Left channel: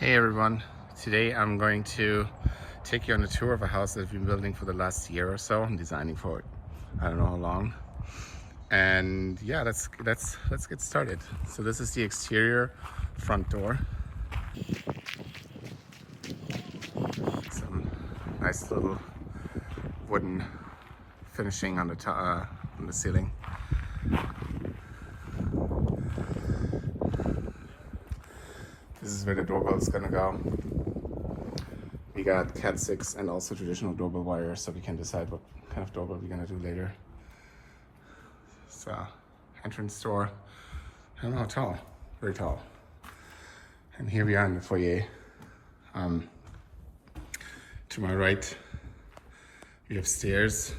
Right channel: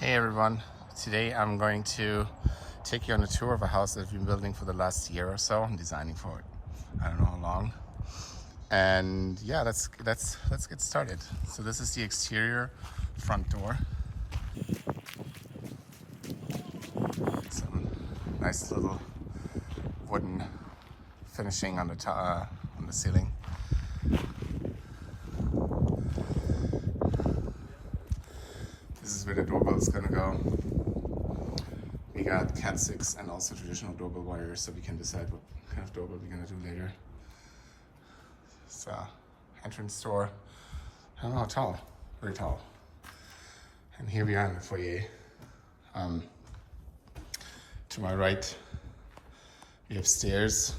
Hey everyone, today I'm going to take you on a tour of a house that I've been building for the last year or so. I'm designing for it, I don't know how long. And yeah, let's get started. So this is the exterior front door. Some nice little wooden finishing on the ceiling. This is where the doorbell is gonna go. We got Cat 6 and also traditional doorbell wire, so we can decide what kind of doorbell we're gonna do later. So, entrance door. I don't know how tall, very tall. And here we are in the foyer. To my right, we have stairs.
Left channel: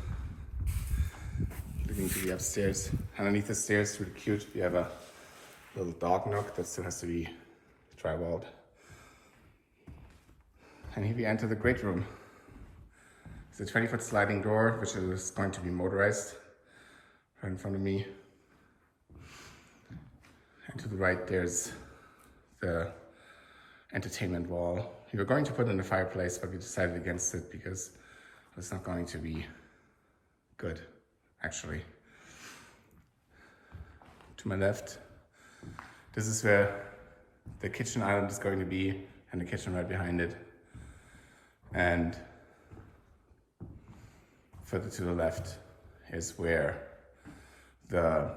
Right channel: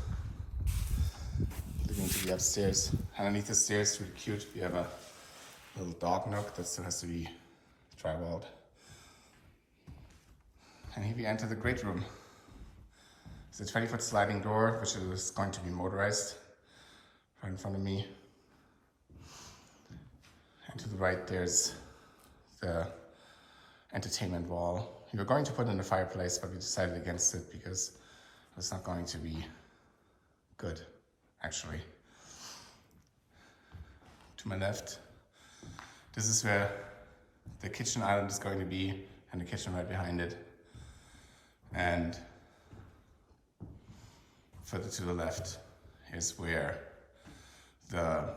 Looking to the upstairs. Underneath the stairs, really cute, we have a little dog nook that still has to be drywalled. And here we enter the great room. It's a 20-foot sliding door, which is going to be motorized, right in front of me. And to the right, there's the entertainment wall. We were going to put in a fireplace, but we decided against it because it's not going to be good, actually. To my left, this is where the kitchen island is going to be, and the kitchen right behind it. And further to the left is where the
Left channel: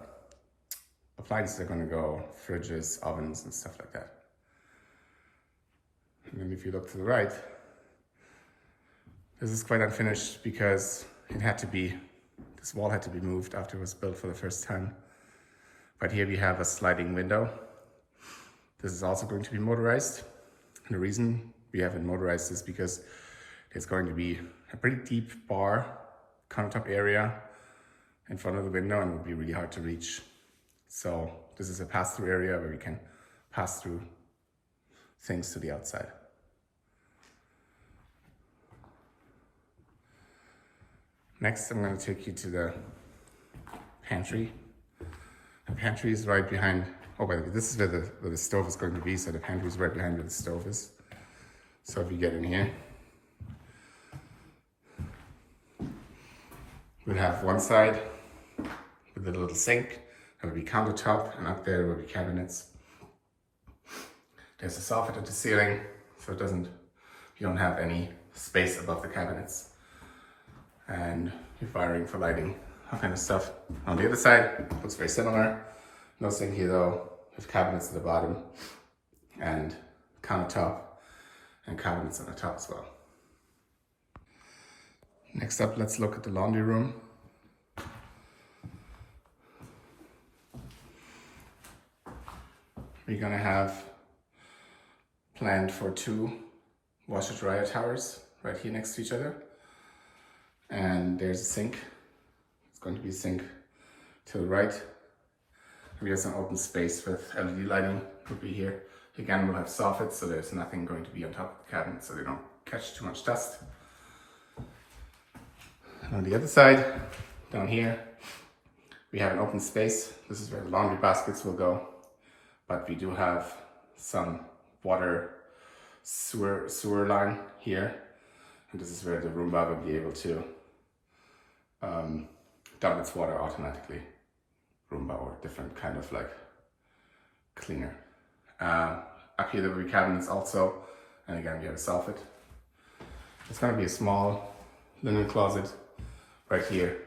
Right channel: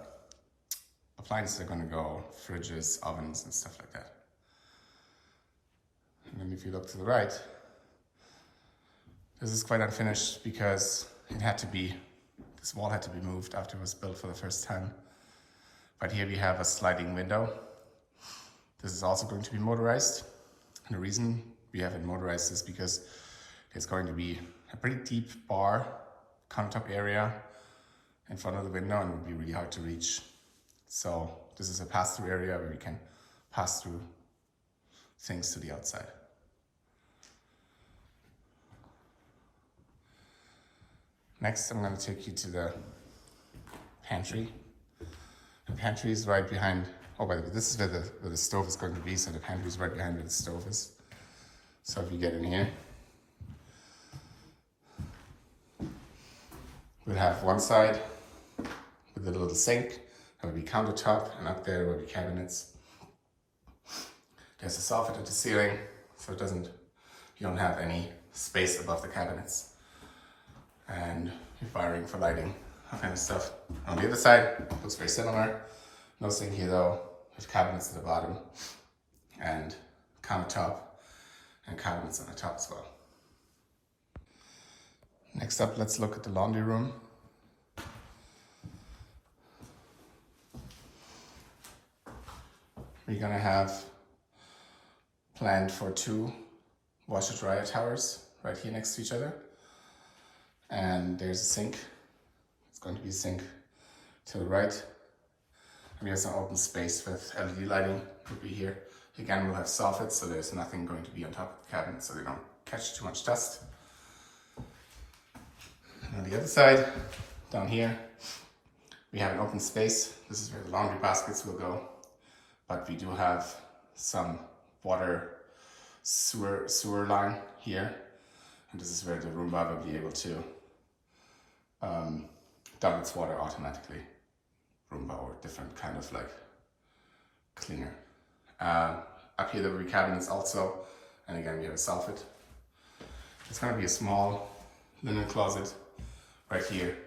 appliances are going to go, fridges, ovens, and stuff like that. And then if you look to the right, this is quite unfinished because this wall had to be moved after it was built for the first time. But here we have a sliding window. This is also going to be motorized. And the reason we have it motorized is because there's going to be a pretty deep bar countertop area in front of the window, and it would be really hard to reach. So this is a pass-through area where we can pass through things to the outside. Next, I'm going to take you to the pantry. The pantry is right behind, oh, by the way, this is where the stove is going to be, so the pantry is right behind where the stove is. So if you get in here, we'll have one side with a little sink, there will be countertop, and up there will be cabinets. There's a soffit at the ceiling, so you don't have any space above the cabinets. And your wiring for lighting, that kind of stuff. On the other side, looks very similar. No sink here though, with cabinets at the bottom, and countertop, and cabinets on the top as well. Next up, let's look at the laundry room. We're gonna have planned for 2 washer dryer towers right here next to each other. And there's a sink. It's going to be a sink to the right. And we have some open space with LED lighting will be here. Again, we'll have soffits, so there's nothing going to be on top of the cabinet, so they don't catch too much dust. And on the other side, down here, we have an open space. This is where the laundry baskets will go. But we do have some water sewer line here. And this is where the Roomba will be able to dump its water automatically. Roomba, or different kind of like cleaner. Up here there will be cabinets also, and again we have a soffit. It's going to be a small linen closet right here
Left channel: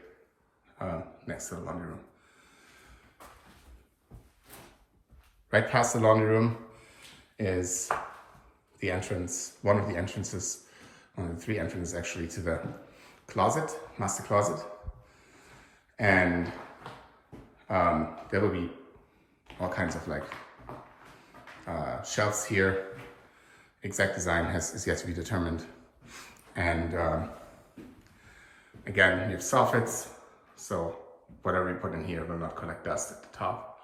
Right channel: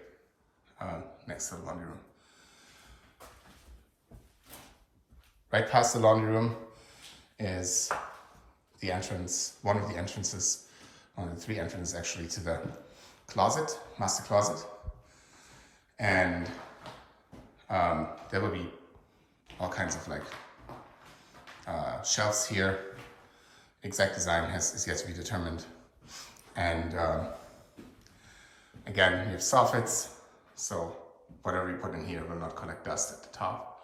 next to the laundry room. Right past the laundry room is the entrance, one of the 3 entrances actually, to the closet, master closet. And there will be all kinds of like shelves here. Exact design is yet to be determined. And again, we have soffits, so whatever you put in here will not collect dust at the top.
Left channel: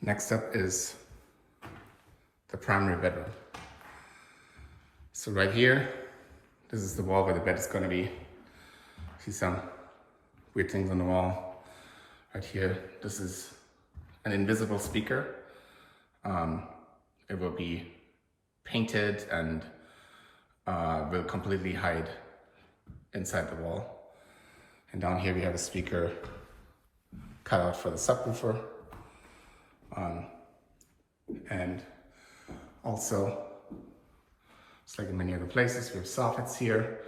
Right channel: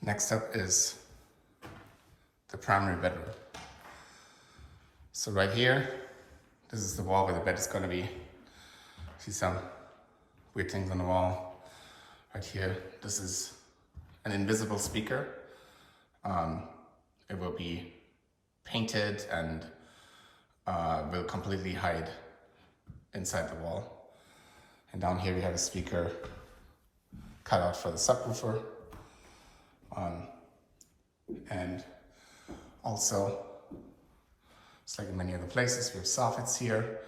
Next up is the primary bedroom. So right here, this is the wall where the bed is going to be. See some weird things on the wall. Right here, this is an invisible speaker. it will be painted and will completely hide inside the wall. And down here we have a speaker cut out for the subwoofer. And also, just like in many other places, we have soffits here.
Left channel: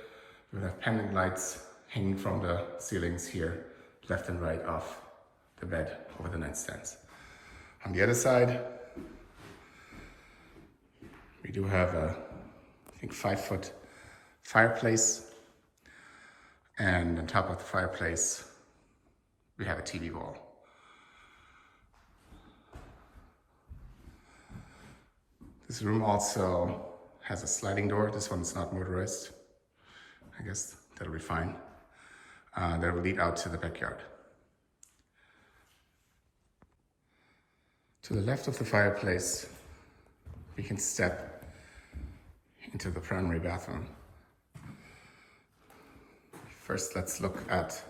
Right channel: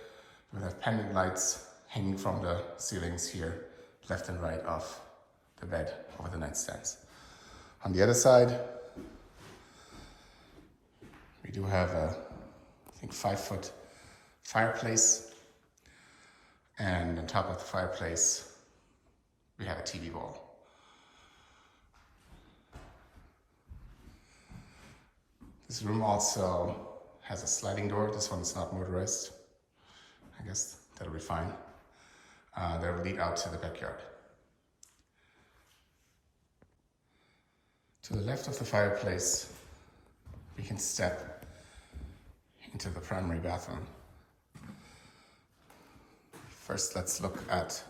We have pendant lights hanging from the ceilings here, left and right of the bed over the nightstands. On the other side, we do have a, I think, 5-foot fireplace. And on top of the fireplace, we have a TV wall. This room also has a sliding door. This one is not motorized. I guess that'll be fine. That will lead out to the backyard. To the left of the fireplace, we can step into the primary bathroom. First, let's look at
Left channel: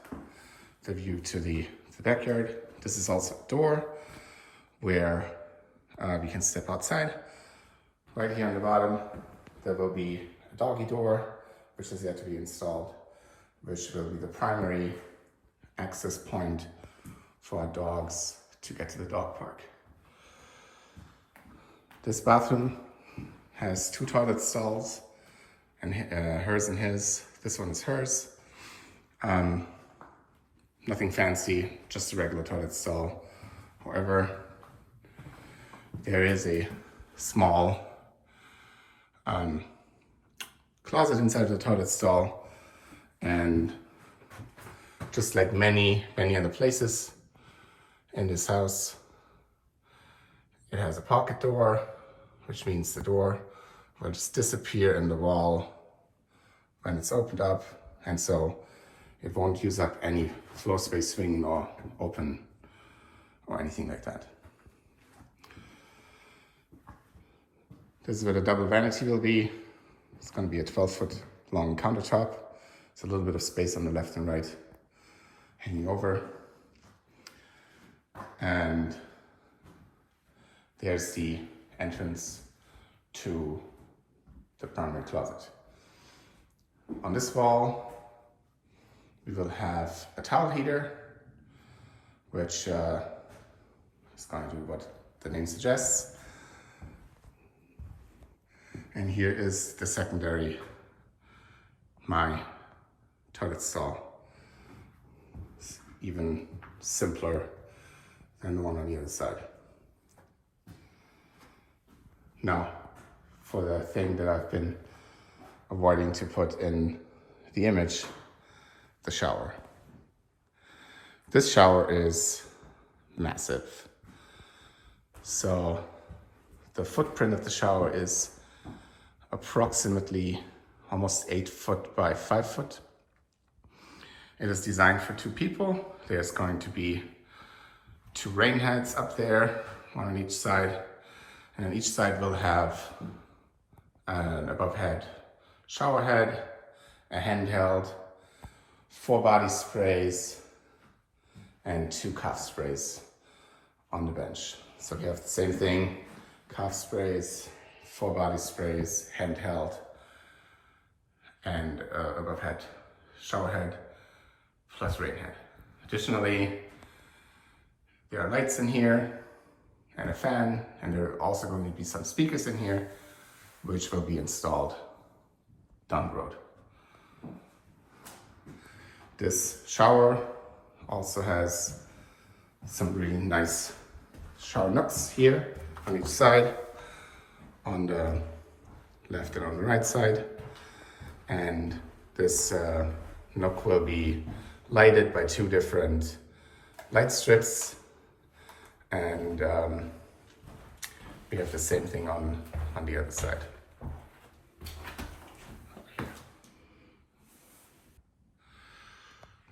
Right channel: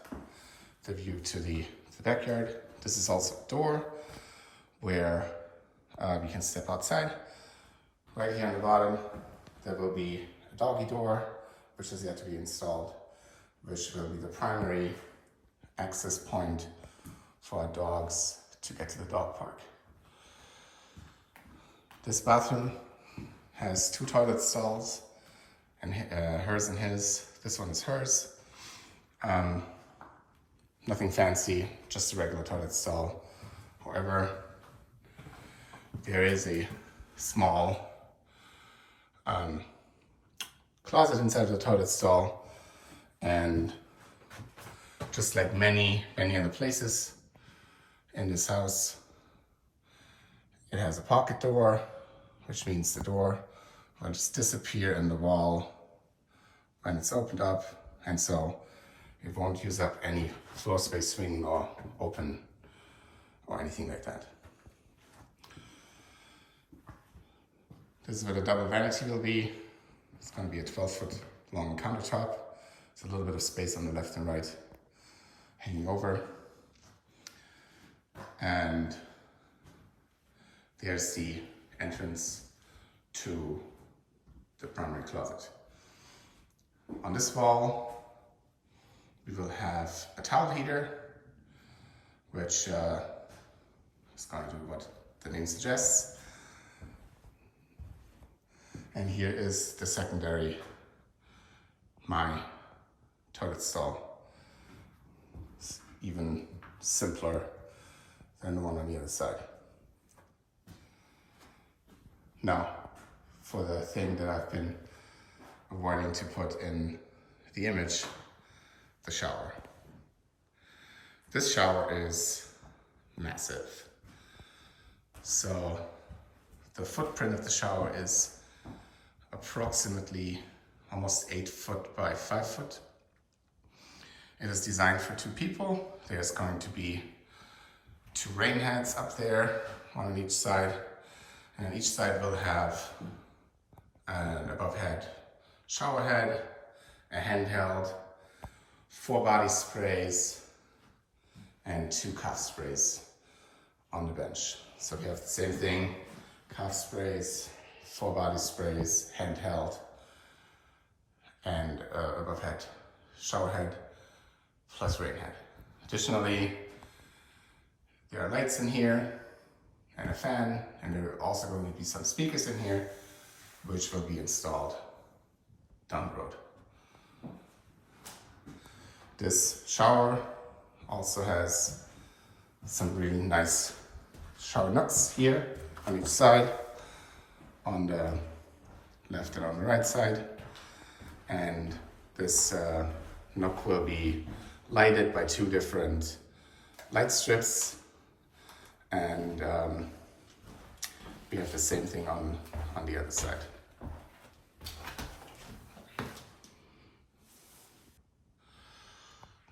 the view to the backyard. This is also a door where we can step outside. Right here on the bottom, there will be a doggy door, which is yet to be installed, which will be the primary access point for our dogs to get to the dog park. This bathroom has 2 toilet stalls, and hers and his. This one is hers. Nothing fancy, just a regular toilet stall. However, there is a small closet inside of the toilet stall, and just like many other places in this house, it has a pocket door, which means the door will just disappear in the wall when it's opened up, and so it won't use up any floor space swing or open or anything like that. This is where the double vanity will be. It's going to be a 12-foot long countertop. There's a little bit of space on the left and right hanging over. And there's the entrance to the primary closet. On this wall, we will have a towel heater, which is going to do what the name suggests. And here is the secondary, my toilet stall. It's even simpler than the one on the other side. Now, for the thing that I've been avoiding to put in the image, the shower. This shower is massive. So the footprint of the shower is approximately almost 8 foot by 5 foot. It is designed for 2 people. There's going to be 2 rain heads up there, one on each side, and on each side we'll have an above head shower head, a handheld, 4 body sprays, and 2 calf sprays on the bench. So we have the same thing, calf sprays, 4 body sprays, handheld, and above head shower head plus rain head. Additionally, there are lights in here and a fan, and there are also going to be some speakers in here, which will be installed down the road. This shower also has some really nice shower nooks here on each side, on the left and on the right side. And this nook will be lighted by 2 different light strips, and we have the same thing on the other side.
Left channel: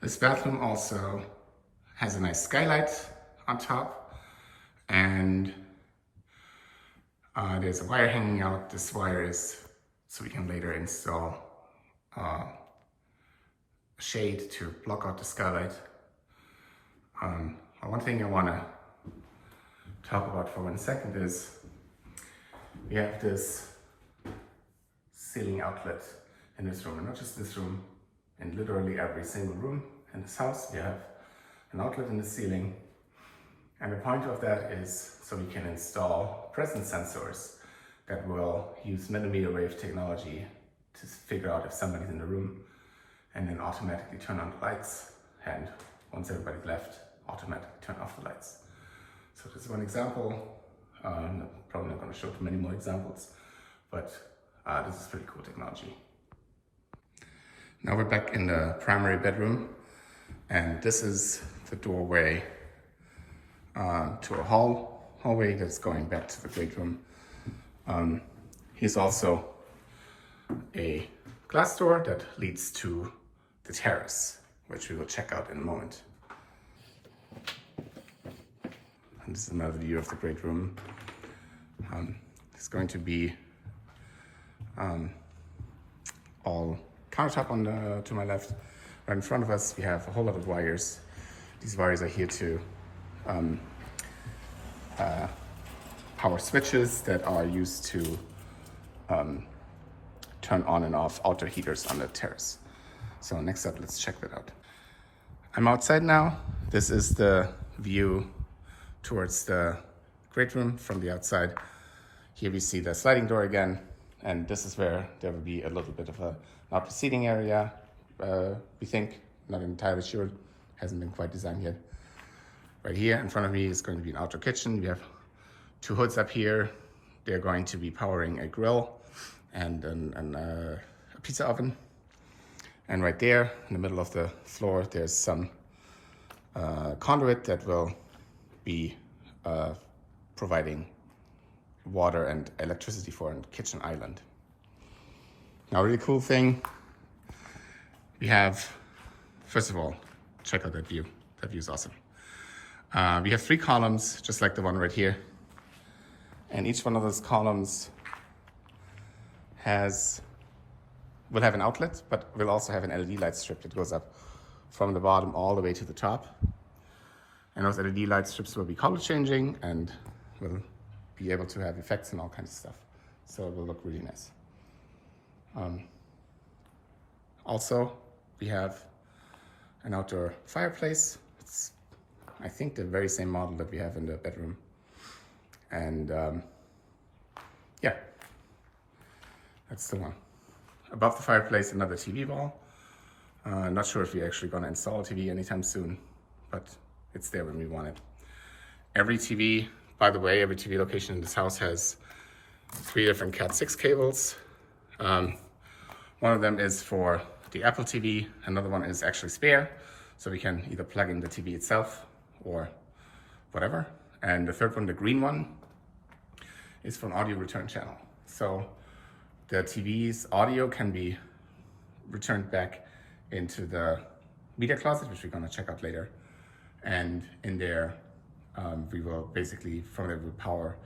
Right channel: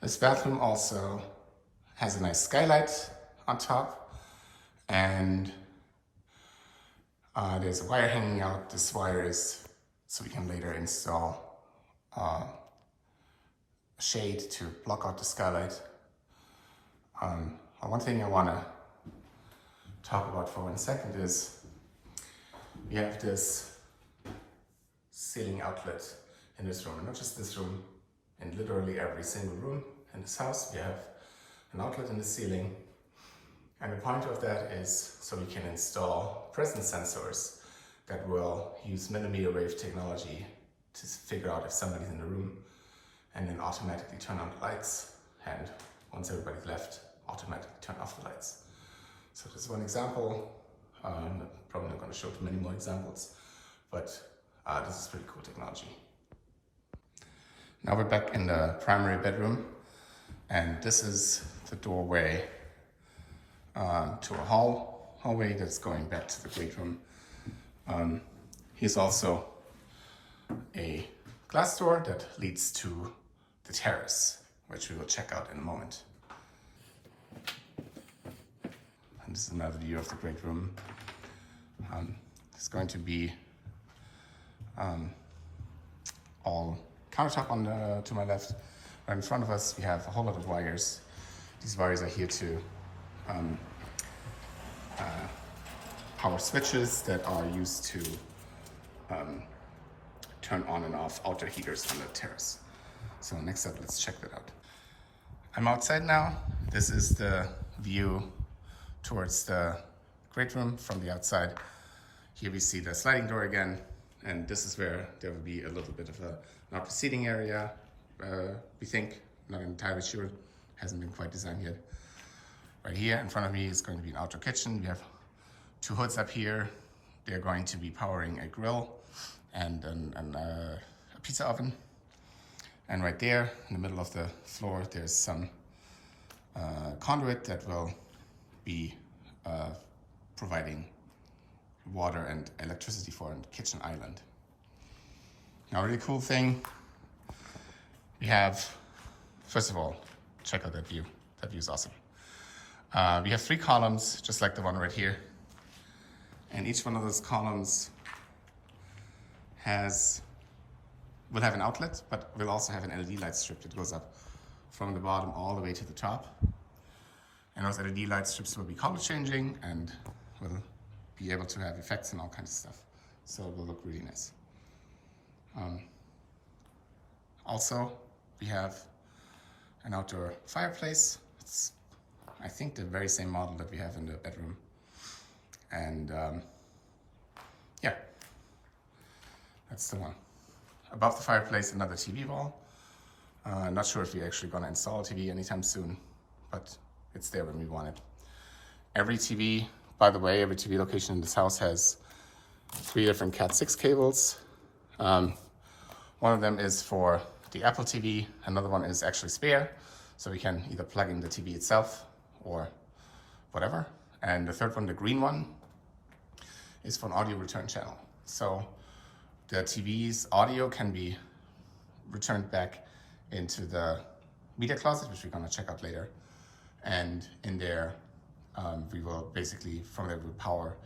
This bathroom also has a nice skylight on top, and there's a wire hanging out. This wire is so we can later install a shade to block out the skylight. One thing I want to talk about for 1 second is we have this ceiling outlet in this room, and not just this room, in literally every single room in this house, we have an outlet in the ceiling. And the point of that is so we can install presence sensors that will use millimeter wave technology to figure out if somebody's in the room, and then automatically turn on the lights, and once everybody's left, automatically turn off the lights. So this is one example. I'm probably not going to show too many more examples, but this is pretty cool technology. Now we're back in the primary bedroom, and this is the doorway to a hallway that's going back to the great room. Here's also a glass door that leads to the terrace, which we will check out in a moment. And this is another view of the great room. It's going to be all countertop to my left. Right in front of us, we have a whole lot of wires. These wires are here to power switches that are used to turn on and off outdoor heaters on the terrace. So next up, let's check that out. I'm outside now. This is the view towards the great room from the outside. Here we see the sliding door again, and this is where there will be a little bit of an outdoor seating area, we think. Not entirely sure, hasn't been quite designed yet. Right here in front of me is going to be an outdoor kitchen. We have two hoods up here. They're going to be powering a grill and a pizza oven. And right there in the middle of the floor, there's some conduit that will be providing water and electricity for a kitchen island. Now, a really cool thing, we have, first of all, check out that view. That view is awesome. We have 3 columns, just like the one right here. And each one of those columns will have an outlet, but will also have an LED light strip that goes up from the bottom all the way to the top. And those LED light strips will be color changing and will be able to have effects and all kinds of stuff. So it will look really nice. Also, we have an outdoor fireplace. It's, I think, the very same model that we have in the bedroom. And yeah, that's the one. Above the fireplace, another TV wall. Not sure if we're actually gonna install a TV anytime soon, but it's there when we want it. Every TV, by the way, every TV location in this house has 3 different Cat 6 cables. One of them is for the Apple TV, another one is actually spare, so we can either plug in the TV itself or whatever. And the third one, the green one, is for an audio return channel. So the TV's audio can be returned back into the media closet, which we're gonna check out later. And in there, we will basically, from there, we'll power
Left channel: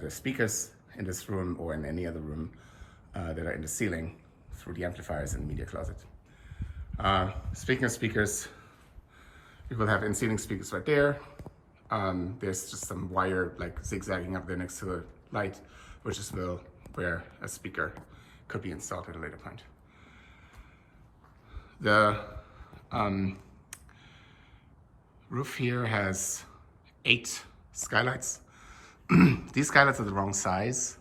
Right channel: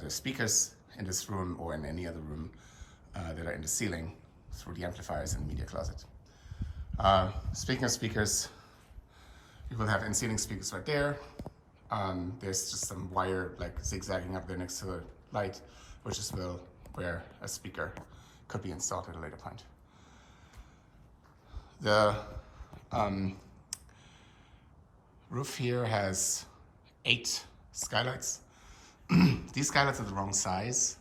the speakers in this room or in any other room that are in the ceiling through the amplifiers in the media closet. Speaking of speakers, we will have in-ceiling speakers right there. There's just some wire like zigzagging up there next to the light, which is where a speaker could be installed at a later point. The roof here has 8 skylights. These skylights are the wrong size.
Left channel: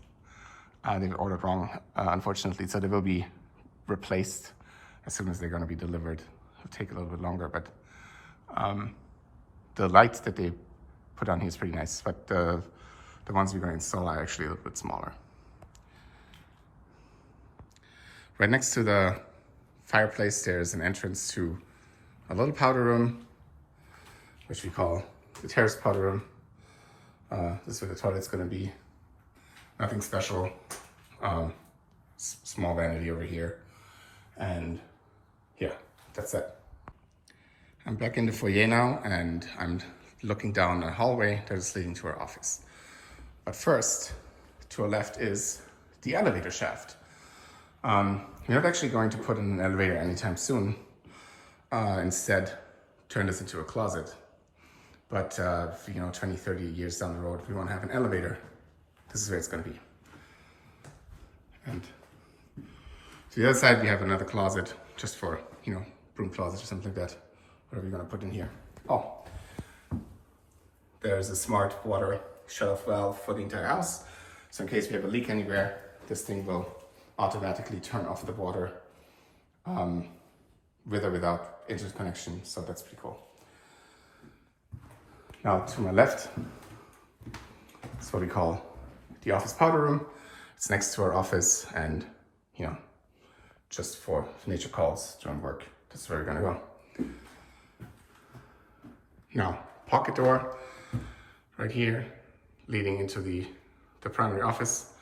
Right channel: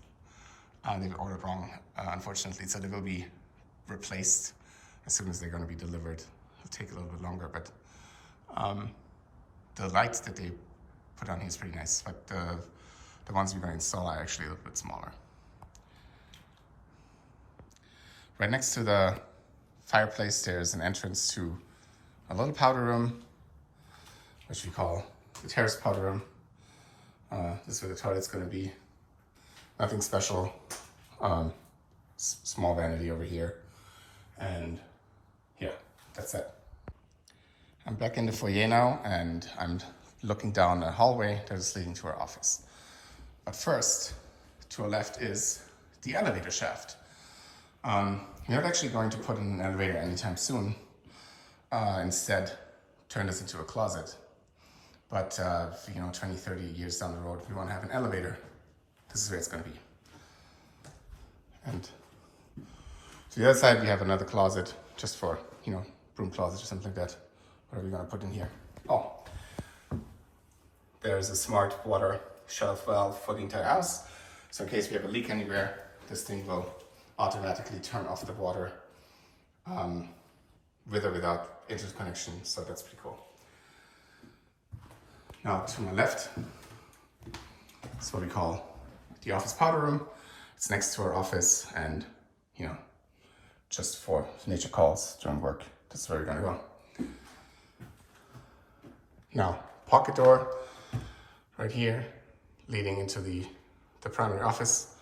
They were ordered wrong, unfortunately, so they will be replaced as soon as they're going to be delivered. It'll take a little bit longer, but the lights that they put on here is pretty nice, but the ones we're going to install are actually a little bit smaller. Right next to the fireplace, there's an entrance to a little powder room, which we call the terrace powder room. This is where the toilet's going to be. Nothing special. Small vanity over here. And yeah, that's it. I'm back in the foyer now, and I'm looking down a hallway that is leading to our office. But first, to our left is the elevator shaft. We're not actually going to put in an elevator anytime soon. Instead, turn this into a closet. But 20, 30 years down the road, we want to have an elevator. This is where it's going to be. And to the other side, we have another closet just for, broom closet or something like that. Whatever you're gonna put in here. Oh, there's a smart water shut-off valve for the entire house. So in case we have a leak anywhere, this thing will automatically turn off the water with or without internet connection. So that's pretty cool. Now to my left, it's what we call the office powder room. It's next to our office and, just for nature calls during work. This is where we're gonna go. Now, pocket door right here, leading into the primary office,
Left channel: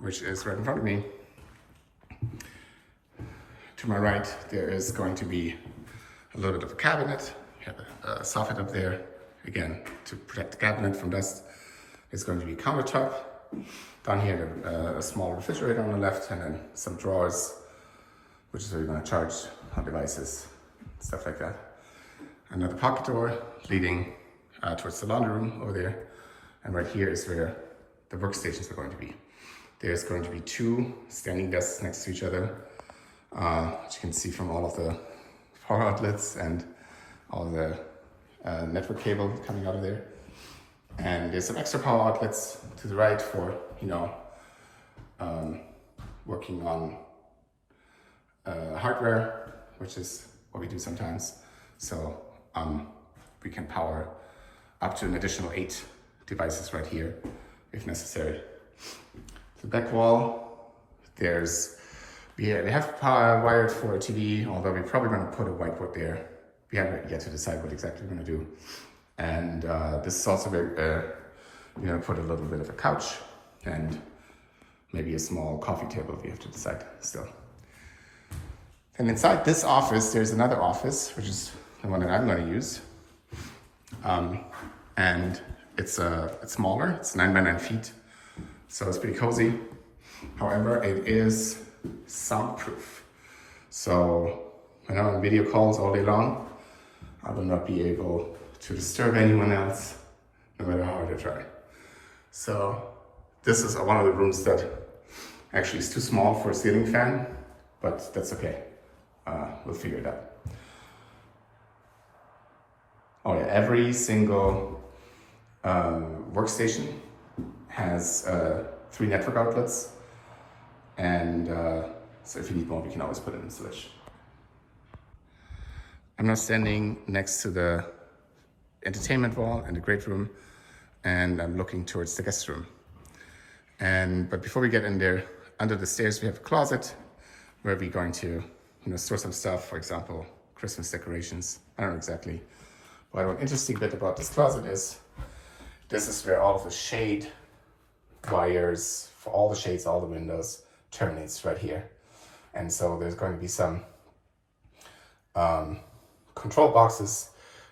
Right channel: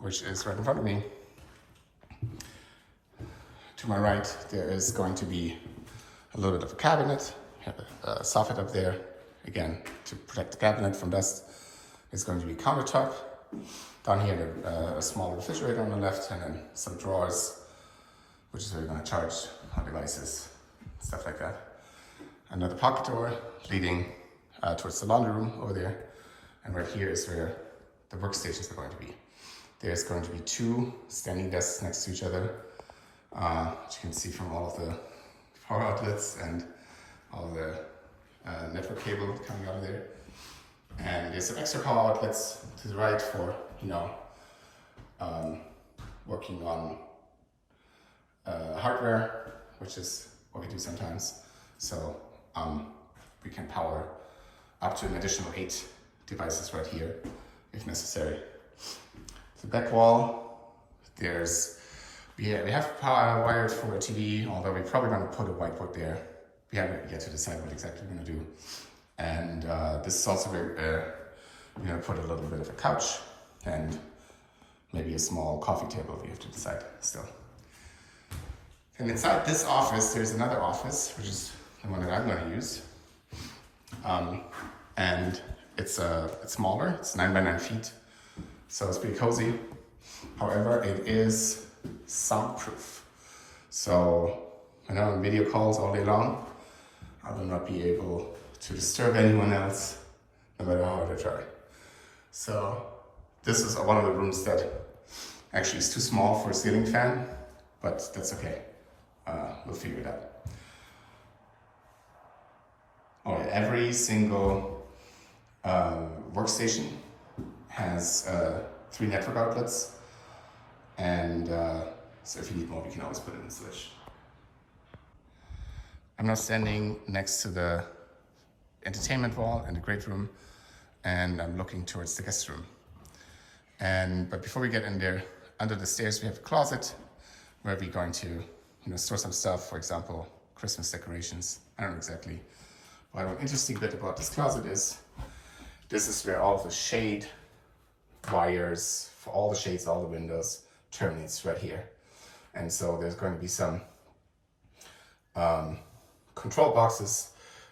which is right in front of me. To my right, there is going to be a little bit of a cabinet, a soffit up there, again, to protect the cabinet from dust. It's going to be a countertop. Down here, a small refrigerator on the left, and then some drawers, which is where you're going to charge our devices, stuff like that. Another pocket door leading towards the laundry room over there. And right here is where the workstations are going to be. There's going to be 2 standing desks next to each other, which you can see from all of the power outlets and all the network cable coming out of there. And there's some extra power outlets to the right for, working on hardware, which is what we do sometimes. So we can power up to an additional 8 devices right here, if necessary. The back wall, we have power wired for a TV, although we're probably going to put a whiteboard there. We haven't yet to decide what exactly we're going to do. And this is also where we're going to put a little bit of a couch and maybe a small coffee table. We have to decide still. And inside this office, there's another office, which is the one that I'm going to use. And it's smaller. It's 9 by 9 feet, so it's pretty cozy. However, it is soundproof. So when I'm on video calls all day long, I will not be able to disturb anyone else, no matter how hard I try. So this is one of the rooms that actually is too small for a ceiling fan, but that's okay. We'll figure it out. Oh yeah, every single workstation has 3 network outlets, and so if you need more, we can always put it in the switch. I'm now standing next to the entertainment wall in the great room, and I'm looking towards the guest room. But before we get in there, under the stairs we have a closet where we're going to store some stuff, for example, Christmas decorations. I don't know exactly. But one interesting bit about this closet is this is where all of the shade wires for all the shades, all the windows terminates right here. And so there's going to be some control boxes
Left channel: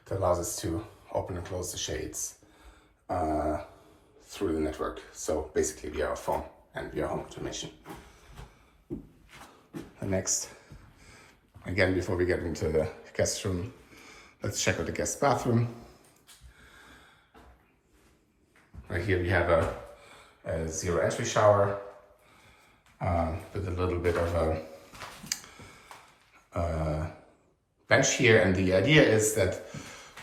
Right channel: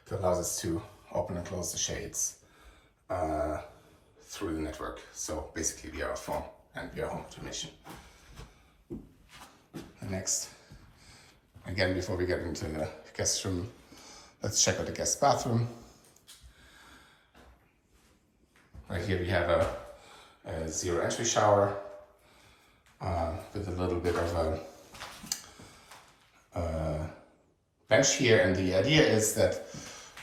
that allows us to open and close the shades through the network. So basically via our phone and via home automation. And next, again, before we get into the guest room, let's check out the guest bathroom. Right here we have a zero entry shower with a little bit of a bench here. And the idea is that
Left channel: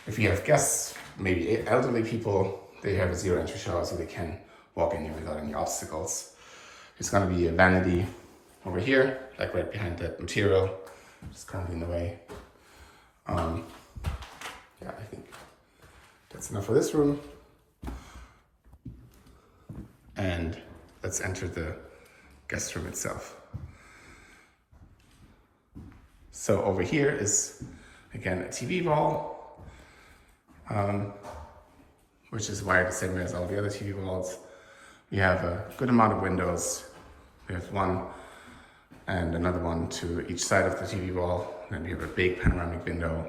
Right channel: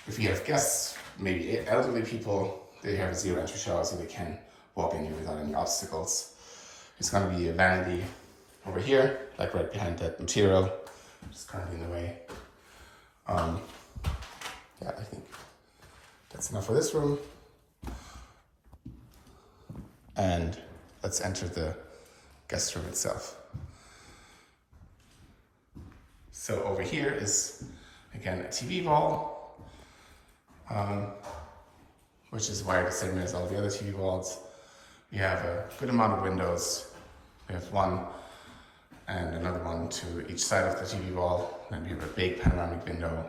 if you have guests, maybe elderly people, they have a zero entry shower so they can walk in here without any obstacles. It's going to be a vanity over here, like right behind that material, which is currently in the way. Yeah, I think that's enough for this room. And let's enter the guest room itself. So over here is, again, a TV wall, which is wired the same way as all the other TV walls. We have a good amount of windows. We have one and another one to each side of the TV wall. And we have a big panoramic window,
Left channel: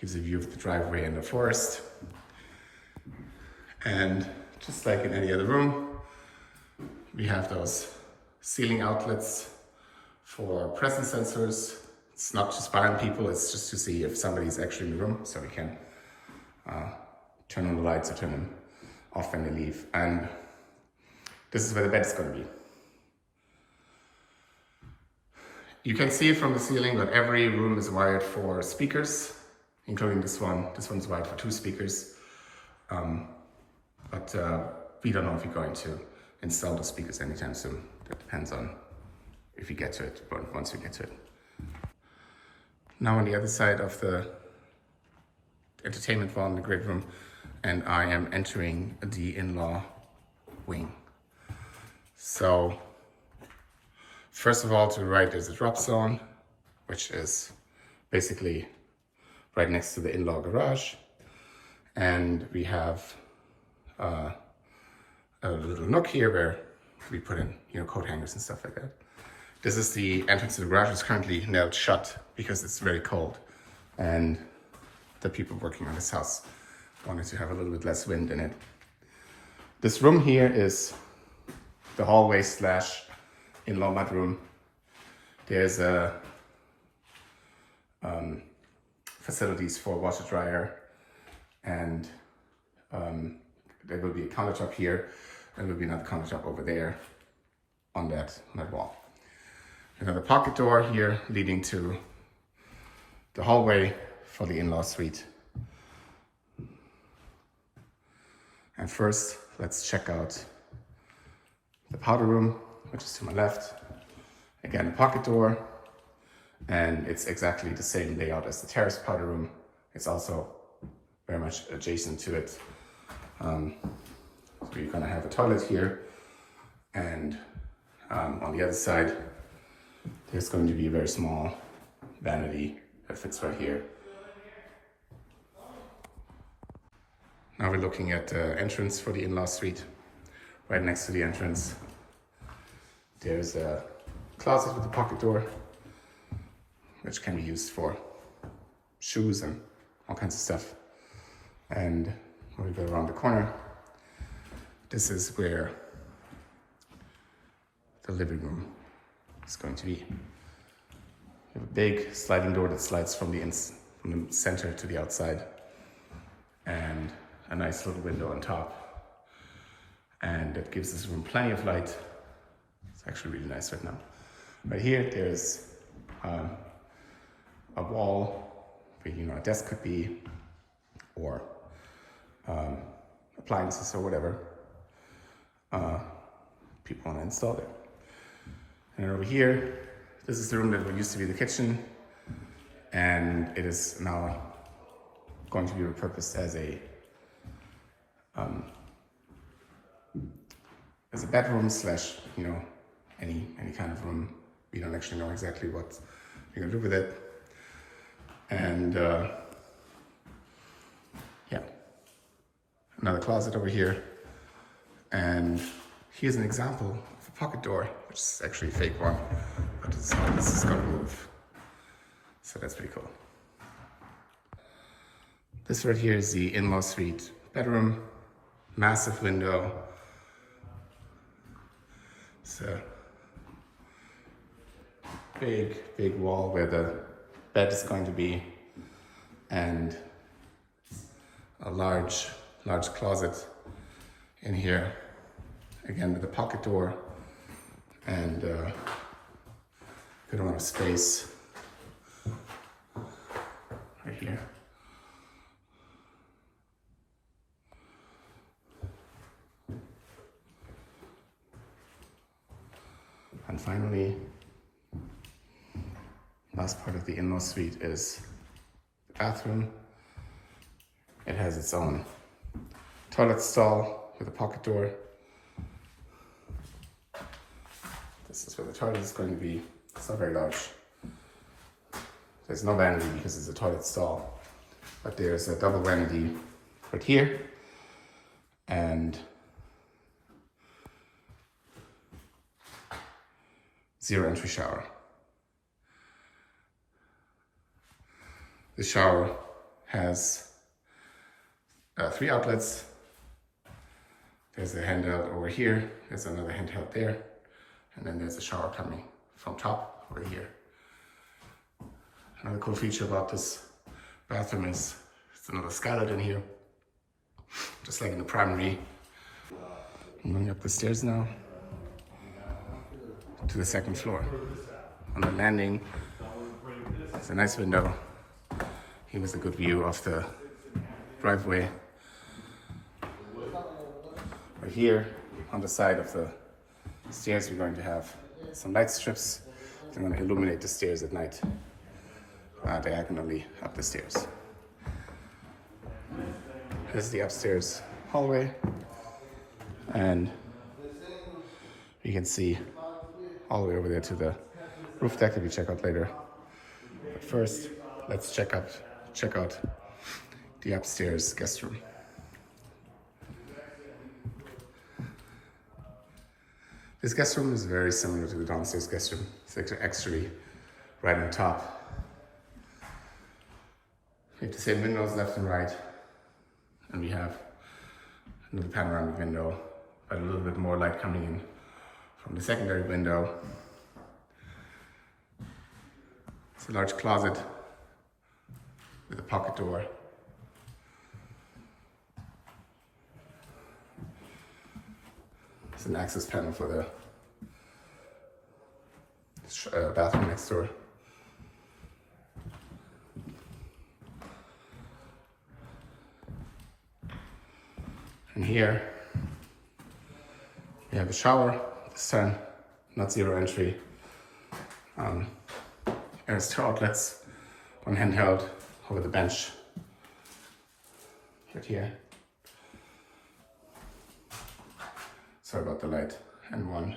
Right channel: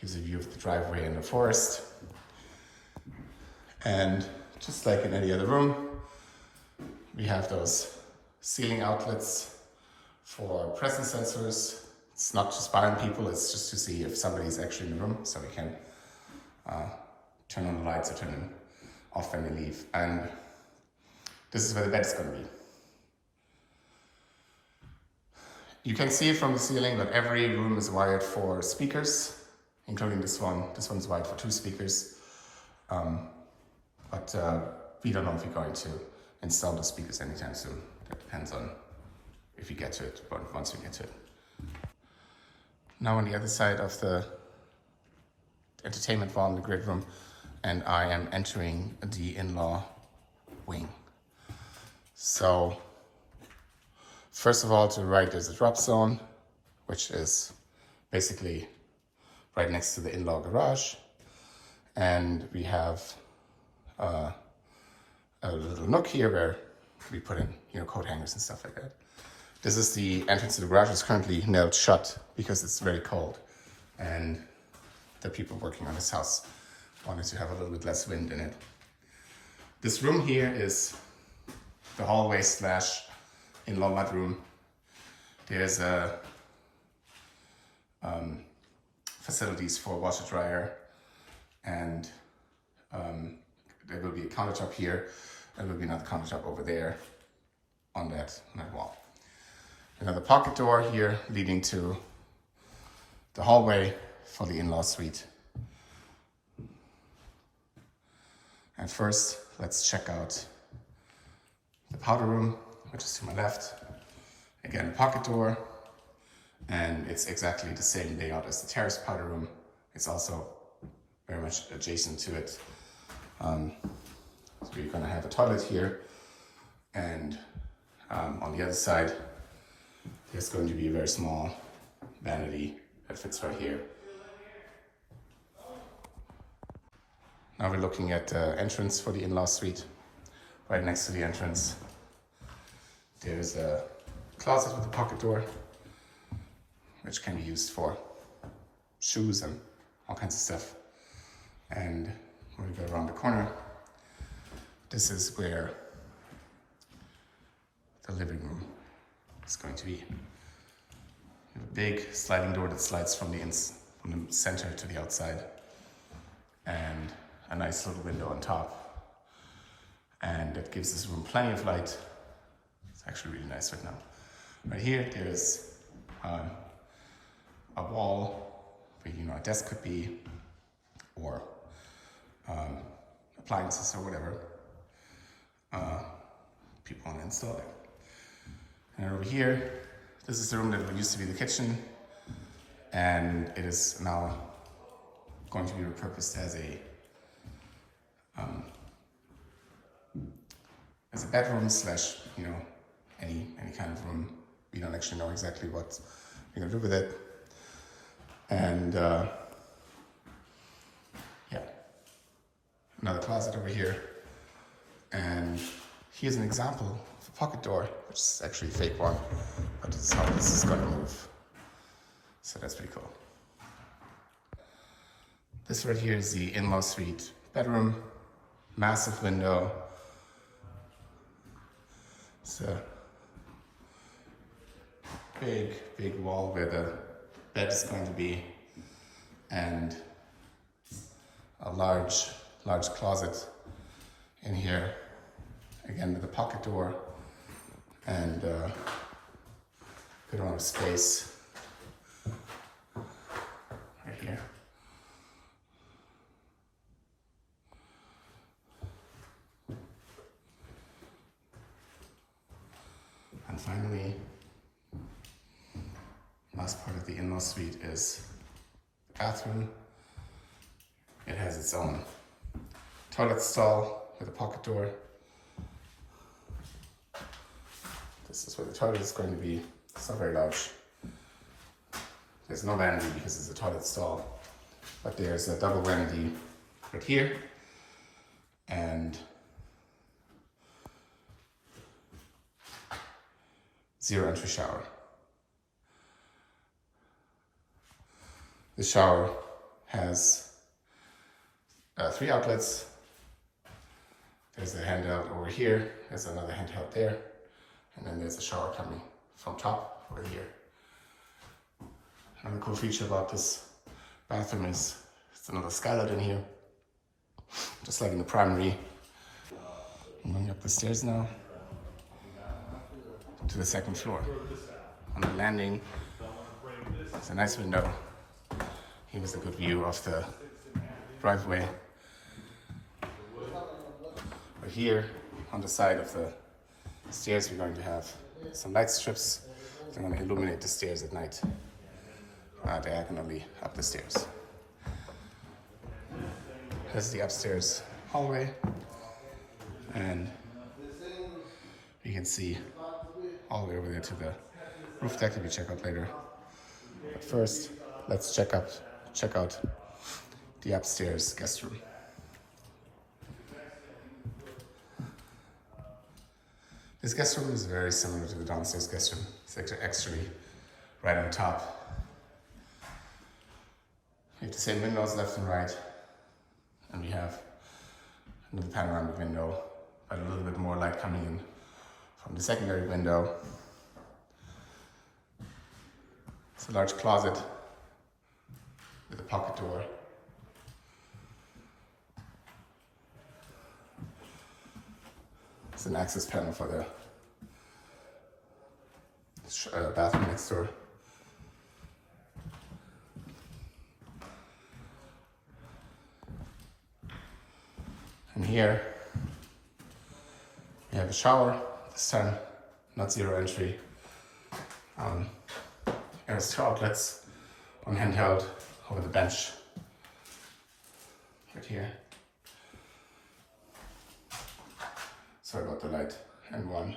gives a view of the driveway and the forest. And just like in any other room, we have those ceiling outlets for presence sensors. It's not to spy on people, it's just to see if somebody's actually in the room, so we can turn on the lights or turn them off when they leave. And this is where the bed is going to be. You can see it from the ceiling, but every room is wired for speakers, including this one. This one's wired for 2 speakers. But we don't know if we're going to install the speakers anytime soon. That depends on if we get to it, but once we get to it. Now on the other side of the entertainment wall in the grid room, and I am entering the in-law wing. So first of all, to the right there's a drop zone, which is basically right next to the in-law garage. And we have a little nook here where we put in, coat hangers and stuff like that. This is the entrance to the garage. It's currently nailed shut because it's very cold. And the people working on this house wanted to have a little bit less wind in it. This room here is the hallway / in-law mudroom. There's facilities for washer dryer, and there will be a countertop here. There will be another countertop over there on that wall. Another pocket door here leading to the hallway for the in-law suite. And first, let's check out the powder room, which is to my left. Again, a pocket door, and it's exactly the same layout as the terrace powder room. It's also very much adjacent to it. So you're gonna have a toilet here, and on the other side, there's going to be a very small vanity that fits right here. Now we're looking at the entrance for the in-law suite. Right next to the entrance, there's a closet with a pocket door, which can be used for shoes and all kinds of stuff. And when we go around the corner, this is where the living room is going to be. We have a big sliding door that slides from the center to the outside, and a nice little window on top. And that gives this room plenty of light. It's actually really nice right now. Right here, there's a wall where a desk could be, or appliances or whatever people want to install there. And over here, this is the room that used to be the kitchen, and it is now going to be repurposed as a bedroom / any kind of room. We don't actually know exactly what we're gonna do with it. And yeah, another closet over here. And here's an example of a pocket door, which is actually a fake one, but this is how this is gonna move. So that's pretty cool. This right here is the in-law suite bedroom, massive window. It's a big wall where the bed is going to be, and a large closet in here, again with a pocket door and good amount of space right here. And finally, last part of the in-law suite is the bathroom. It has its own toilet stall with a pocket door. This is where the toilet is going to be. It's not very large. There's no vanity because it's a toilet stall, but there's a double vanity right here, and zero entry shower. The shower has 3 outlets. There's a handout over here, there's another handout there, and then there's a shower coming from top over here. Another cool feature about this bathroom is it's another skylight in here, just like in the primary. I'm going up the stairs now to the 2nd floor. on the landing. It's a nice window. Here was a good view of the driveway. Right here on the side of the stairs, we're going to have some light strips. I'm going to illuminate the stairs at night, diagonally up the stairs. This is the upstairs hallway, and you can see all the way over there to the roof deck that we check out later. But first, let's check out the upstairs guest room. This guest room is very similar to the downstairs guest room. It's actually right on top. We have the same windows left and right, and we have another panoramic window, but a little bit more light coming in from the secondary window. It's a large closet with a pocket door. It's an access panel for the bathroom next door. And here we have a shower, this time not zero entry. There's two outlets, one handheld over the bench right here. Sorry about the light. And one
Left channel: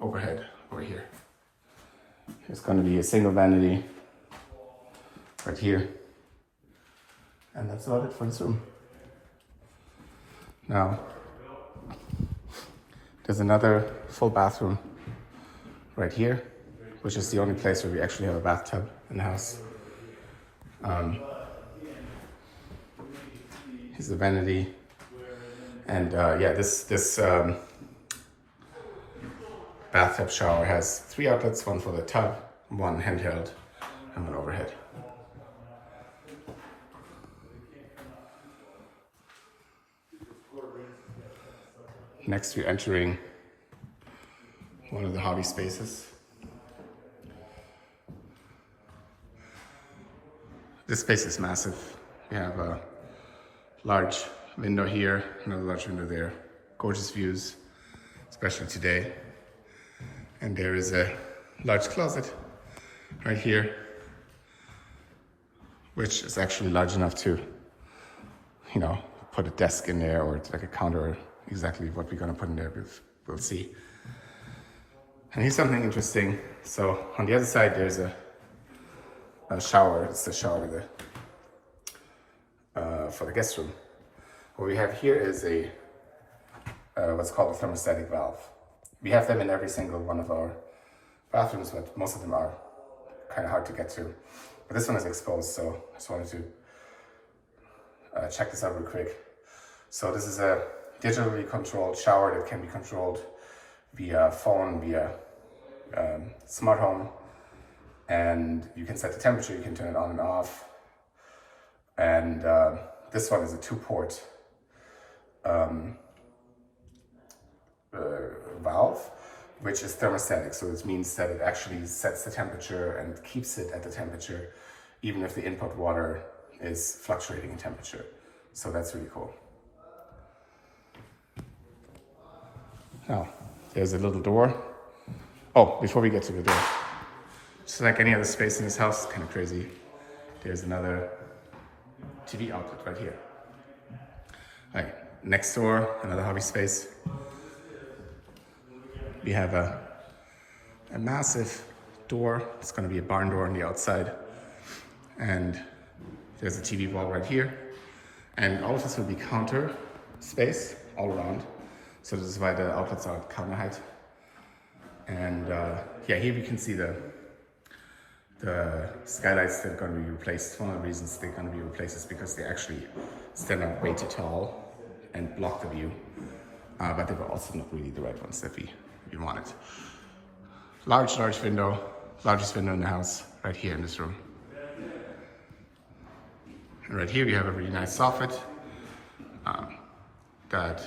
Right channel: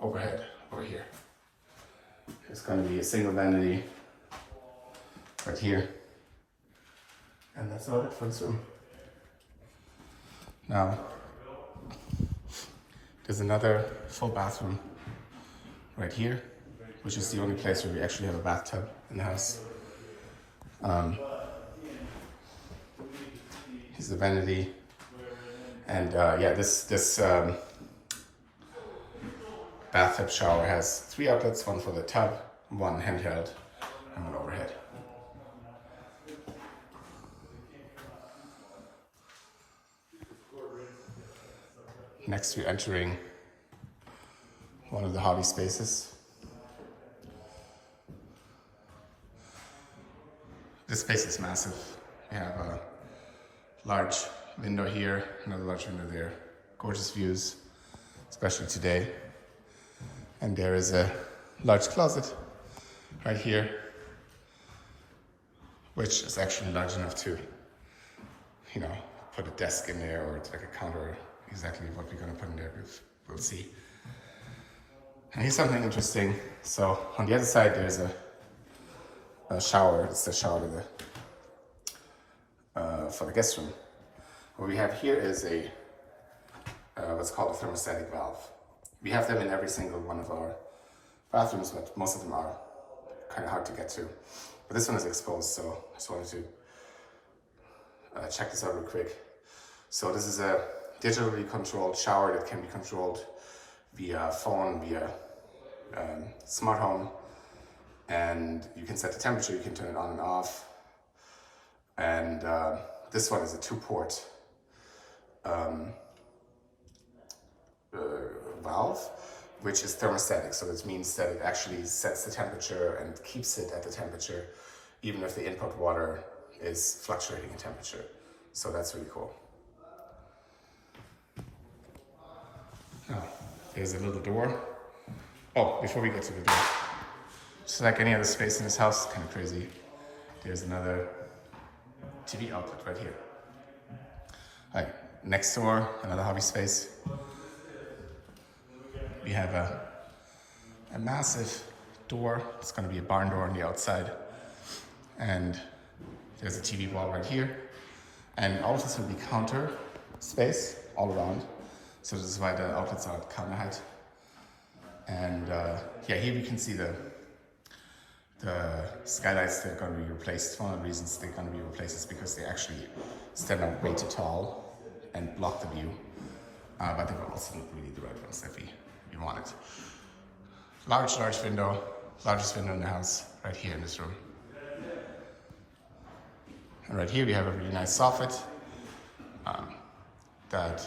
overhead over here. It's going to be a single vanity right here. And that's about it for this room. Now, there's another full bathroom right here, which is the only place where we actually have a bathtub in the house. Here's the vanity. And yeah, this bathtub shower has 3 outlets, one for the tub, one handheld, and one overhead. Next, we're entering one of the hobby spaces. This space is massive. We have a large window here, another large window there. Gorgeous views, especially today. And there is a large closet right here, which is actually large enough to, put a desk in there, or it's like a counter. Exactly what we're gonna put in there, we'll see. And here's something interesting. So on the other side, there's a shower. It's the shower for the guest room. What we have here is a what's called a thermostatic valve. We have them in every single one of our bathrooms, but most of them are kind of hard to get to. But this one is exposed, so I just wanted to check this out real quick. So this is a digitally controlled shower that can be controlled via phone, via smart home, and you can set the temperature, you can turn it on and off. And this one is a 2-port valve, which is thermostatic. So this means that it actually sets the temperature and keeps it at the temperature, even if the input water is fluctuating in temperature. So that's really cool. Now, there's a little door. Oh, before we get to the door, just like any other space in this house, it's kind of crazy. There's another TV outlet right here. All right, next door, another hobby space. We have a massive door. It's going to be a barn door on the outside. And there's a TV wall right here. And all of this will be counter space all around. So this is why the outlets are at counter height. And yeah, here we can see the skylights that are going to be replaced. One of the reasons they're going to be replaced is because they actually stand up way too tall and block the view. But they were also not really the right ones that we wanted. Large window, largest window in the house, right here in this room. And right here we have a really nice soffit that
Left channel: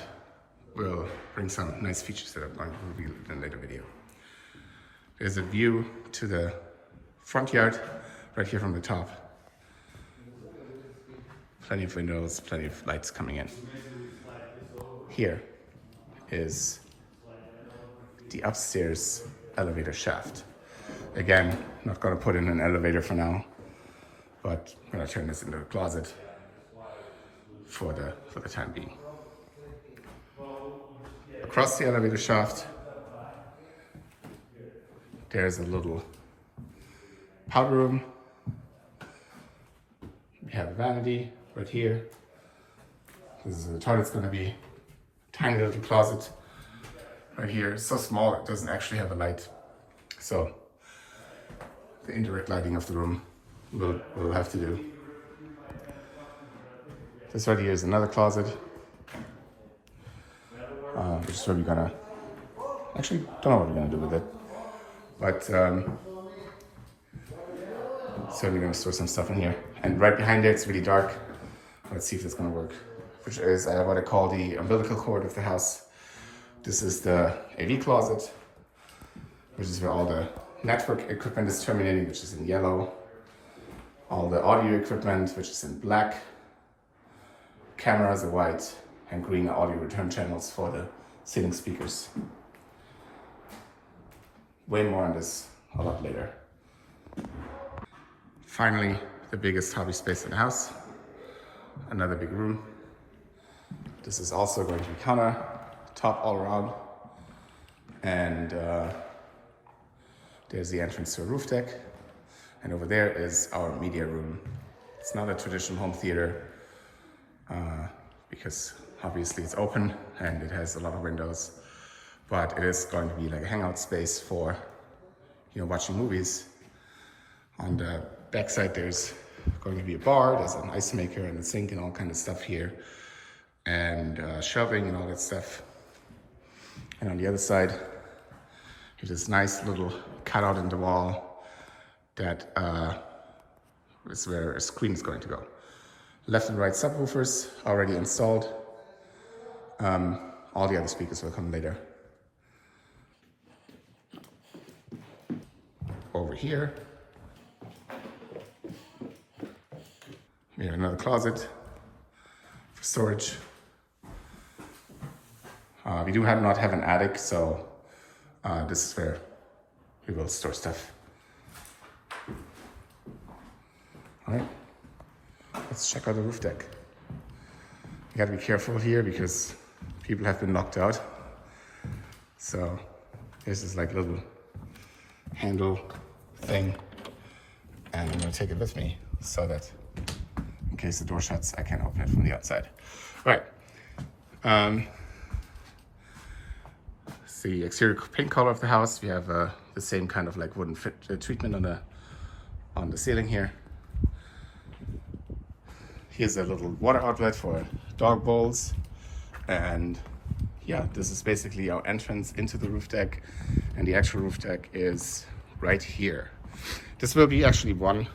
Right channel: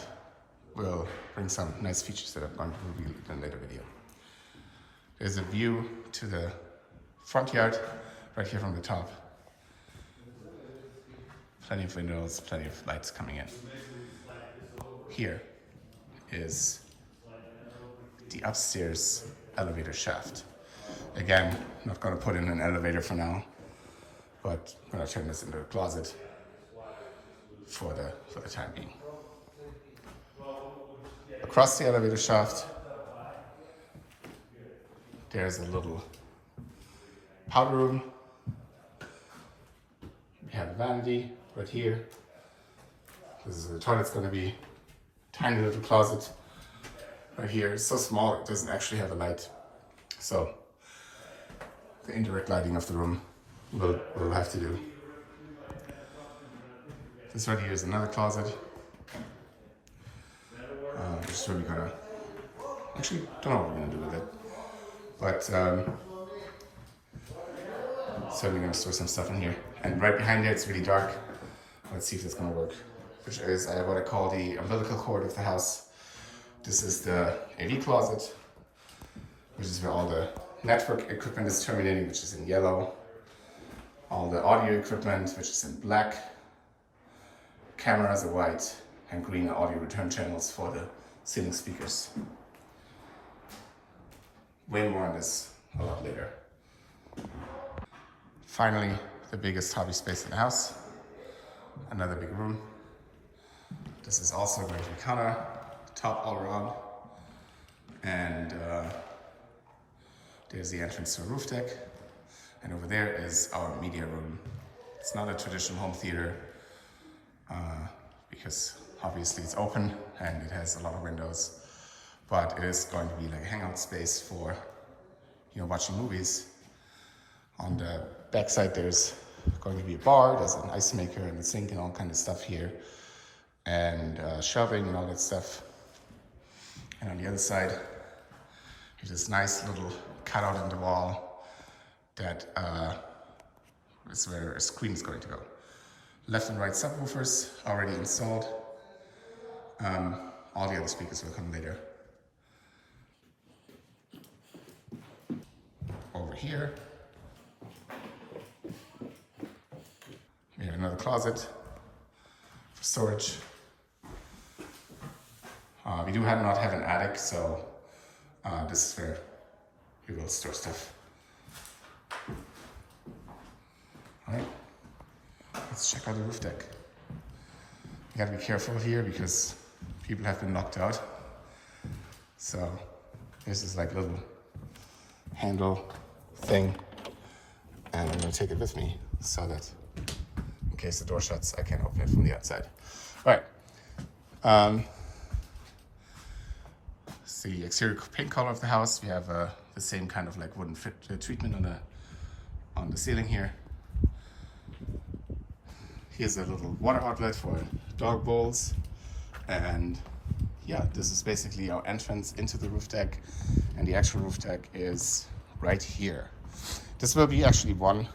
will bring some nice features that I'm going to reveal in a later video. There's a view to the front yard right here from the top. Plenty of windows, plenty of lights coming in. Here is the upstairs elevator shaft. Again, not gonna put in an elevator for now, but I'm gonna turn this into a closet for the time being. Across the elevator shaft, there's a little powder room. We have a vanity right here. This is where the toilet's gonna be. Tiny little closet right here. It's so small it doesn't actually have a light. So the indirect lighting of the room will have to do. This right here is another closet. Which is where we're gonna, actually don't know what we're gonna do with it. But certainly gonna store some stuff in here. And right behind there, it's really dark. Let's see if it's gonna work. Which is what I call the umbilical cord of the house. This is the AV closet, which is where all the network equipment is terminating, which is in yellow. All the audio equipment, which is in black. Cameras are white, and green audio return channels for the ceiling speakers. Way more on this a lot later. Finally, the biggest hobby space in the house. Another big room. This is also going to be counter top all around. And there's the entrance to a roof deck. And over there is our media room. It's not a traditional home theater because obviously it's open and it has a lot of windows, but it is going to be like a hangout space for, you know, watching movies. On the backside, there's going to be a bar, there's an ice maker and a sink and all kind of stuff here, and shelving and all that stuff. And on the other side, there's this nice little cutout in the wall that is where a screen is going to go. Left and right subwoofers already installed. All the other speakers will come later. Over here, we have another closet for storage. We do not have an attic, so this is where we will store stuff. All right, let's check out the roof deck. You gotta be careful here because people have been locked out. So this is like a little handle thing, and I'm gonna take it with me so that in case the door shuts, I can open it from the outside. All right. It's the exterior paint color of the house. We have the same kind of like wooden treatment on the ceiling here. Here's a little water outlet for dog bowls. And yeah, this is basically our entrance into the roof deck. And the actual roof deck is right here. This will be actually one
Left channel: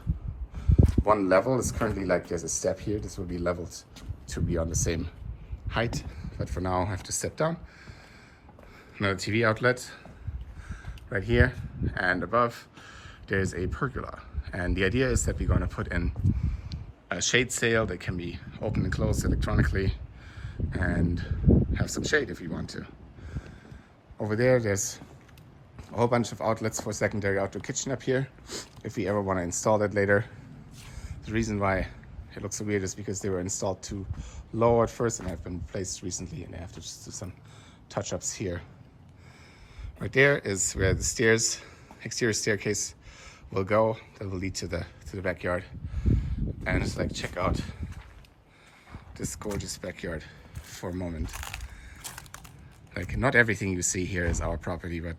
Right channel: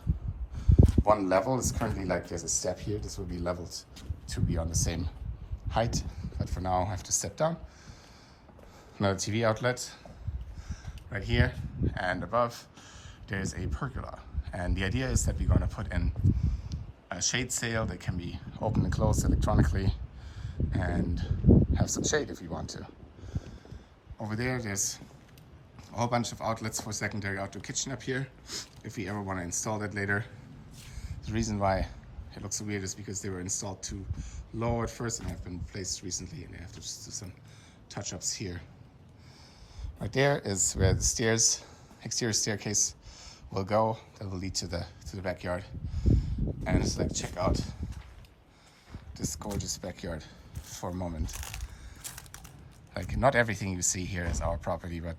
level. It's currently like there's a step here. This will be leveled to be on the same height. But for now, I have to step down. Another TV outlet right here. And above, there's a pergola. And the idea is that we're going to put in a shade sail that can be opened and closed electronically and have some shade if you want to. Over there's a whole bunch of outlets for secondary outdoor kitchen up here if we ever want to install that later. The reason why it looks so weird is because they were installed too low at first and have been placed recently, and I have to just do some touch-ups here. Right there is where the exterior staircase will go. That will lead to the backyard. And it's like, check out this gorgeous backyard for a moment. Like, not everything you see here is our property, but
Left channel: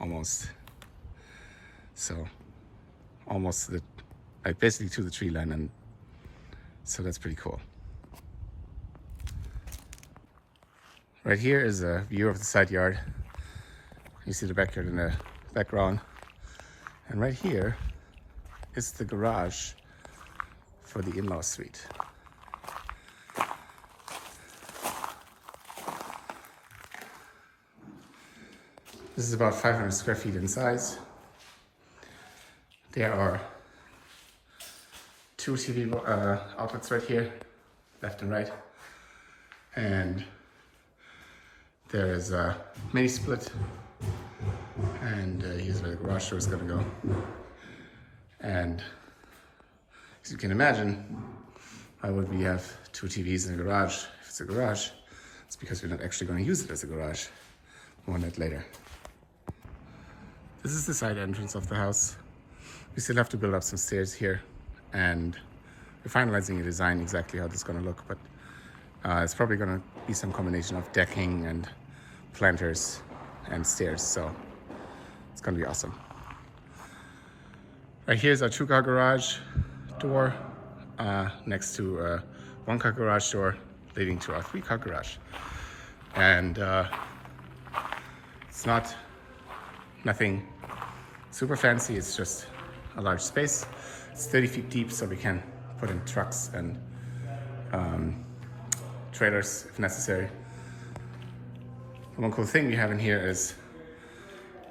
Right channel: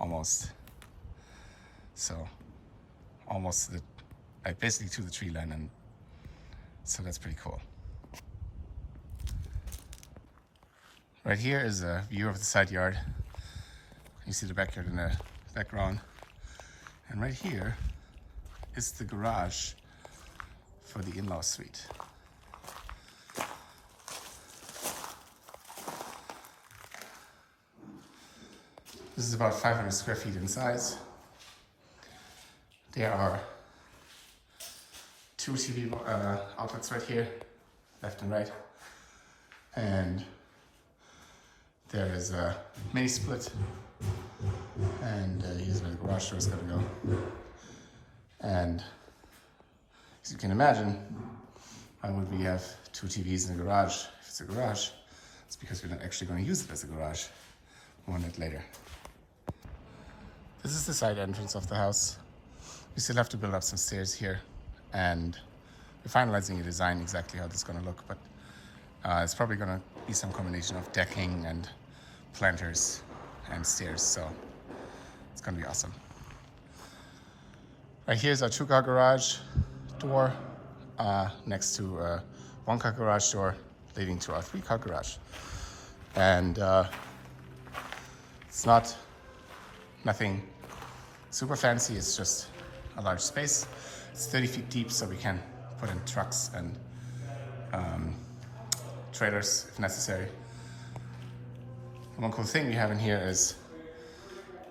almost. So almost like basically to the tree line, and so that's pretty cool. Right here is a view of the side yard. You see the backyard in the background. And right here is the garage for the in-law suite. This is about 500 square feet in size. There are two TV outlets right here, left and right. And there is a mini split. And here's where the garage door is going to go. And as you can imagine, why would we have two TVs in a garage? If it's a garage, it's because we're not actually going to use it as a garage. More on that later. This is the side entrance of the house. We still have to build up some stairs here, and we're finalizing a design exactly how this is going to look, but it's probably going to be some combination of decking and planters and stairs, so it's going to be awesome. Right here's our 2-car garage door next to a 1-car garage door leading to our 3-car garage. And it's nothing super fancy, it's just a large space. It's 30 feet deep, so we can put in trucks and trailers if necessary. The one cool thing we have in here is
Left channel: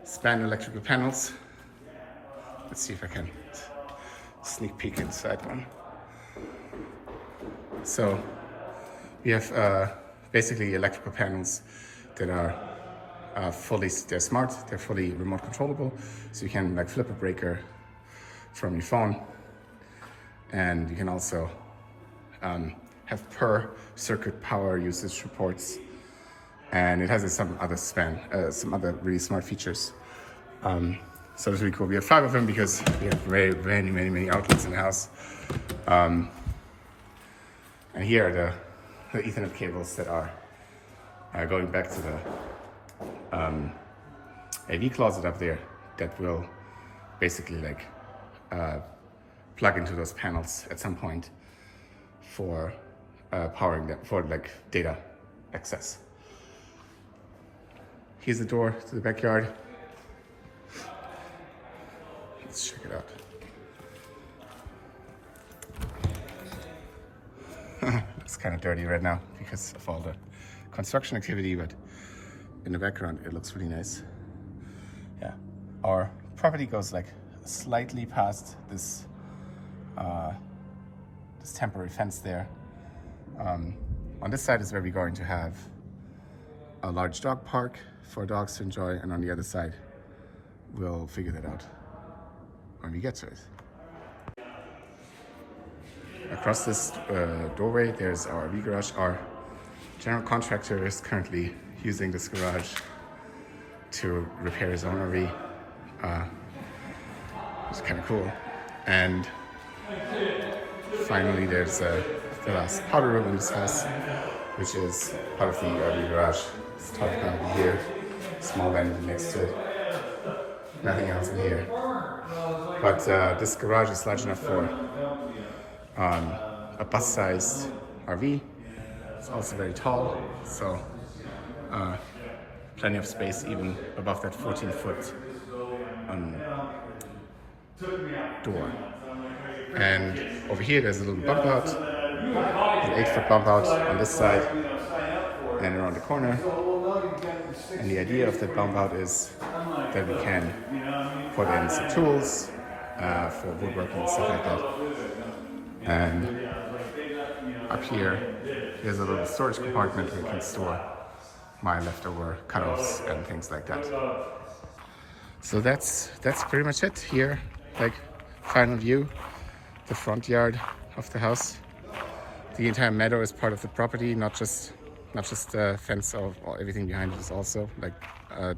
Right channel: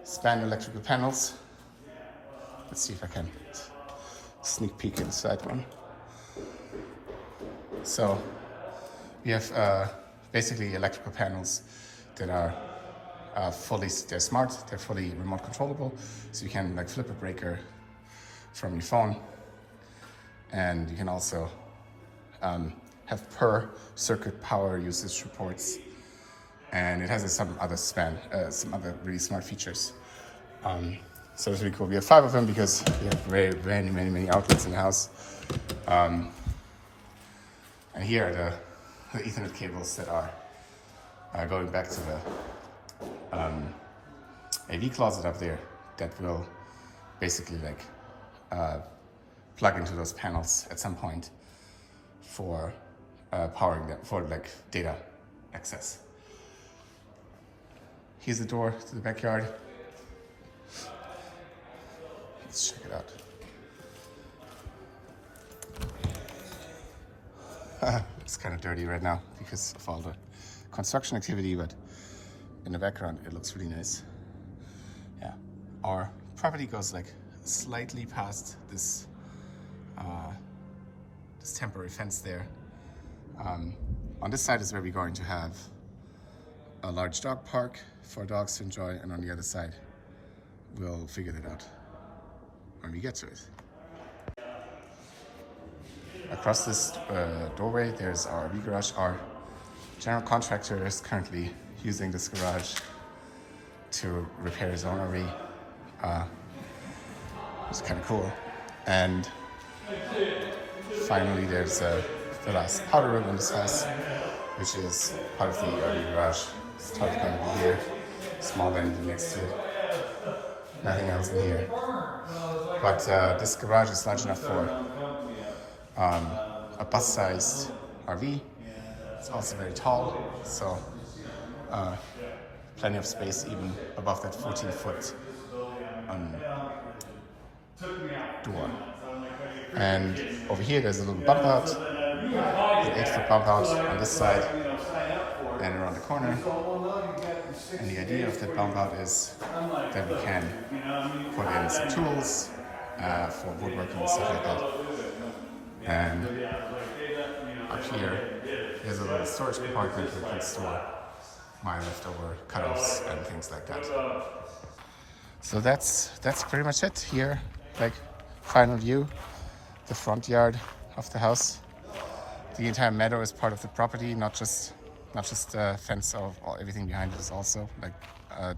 span electrical panels. Let's see if I can sneak peek inside one. So we have basically electrical panels that are they're smart, they're fully remote controllable, so you can like flip a breaker from your phone, and you can also have per circuit power usage reports, and it has some other really smart features. So it's really cool. We have 5 of them because we have many outlets in the house. And here are the Ethernet cables that are going back to the AV closet up there that will basically like plug into those panels at some point for powering them for like data access. Here's the door to the backyard. Let's check it out. It's kind of dirty right now because of all the construction activity, but in the background it looks really nice. Yeah, our property goes like slightly past this this temporary fence there. On this side is where we're going to have a large dog park for dogs to enjoy, and on the other side we'll figure that out when we get to it. Across this doorway there's our RV garage. Our general contractor is currently using this garage to repair his own RV. It's kind of cool. And finally there's the last powder room in this house, which is part of the RV garage. It's top going to be here, small vanity next to it. Nothing else in here. But this garage is large enough for a bus-sized RV. It's also very tall, so plenty of space even above that 14-foot door. And over here there's a little bump out, an 8-foot bump out on this side and around the corner. And the idea of that bump out is that we can put in some tools for woodworking and stuff like that. And up here, there's a little storage compartment where you can store my leftover cut-offs and things like that. So that's pretty much it here. Like, final view, the front yard of the house. The entire meadow is part of the property, not just the fence or everything behind it is also like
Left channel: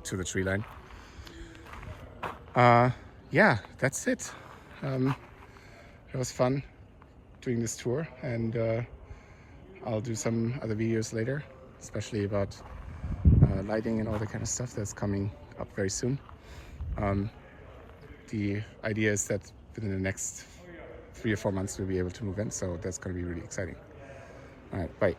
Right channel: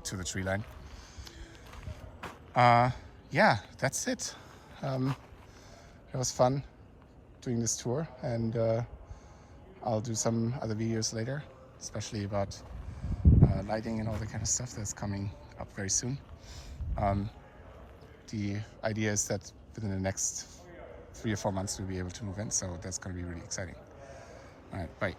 to the tree line. Yeah, that's it. It was fun doing this tour, and I'll do some other videos later, especially about lighting and all that kind of stuff that's coming up very soon. The idea is that within the next 3 or 4 months we'll be able to move in, so that's going to be really exciting. All right, bye.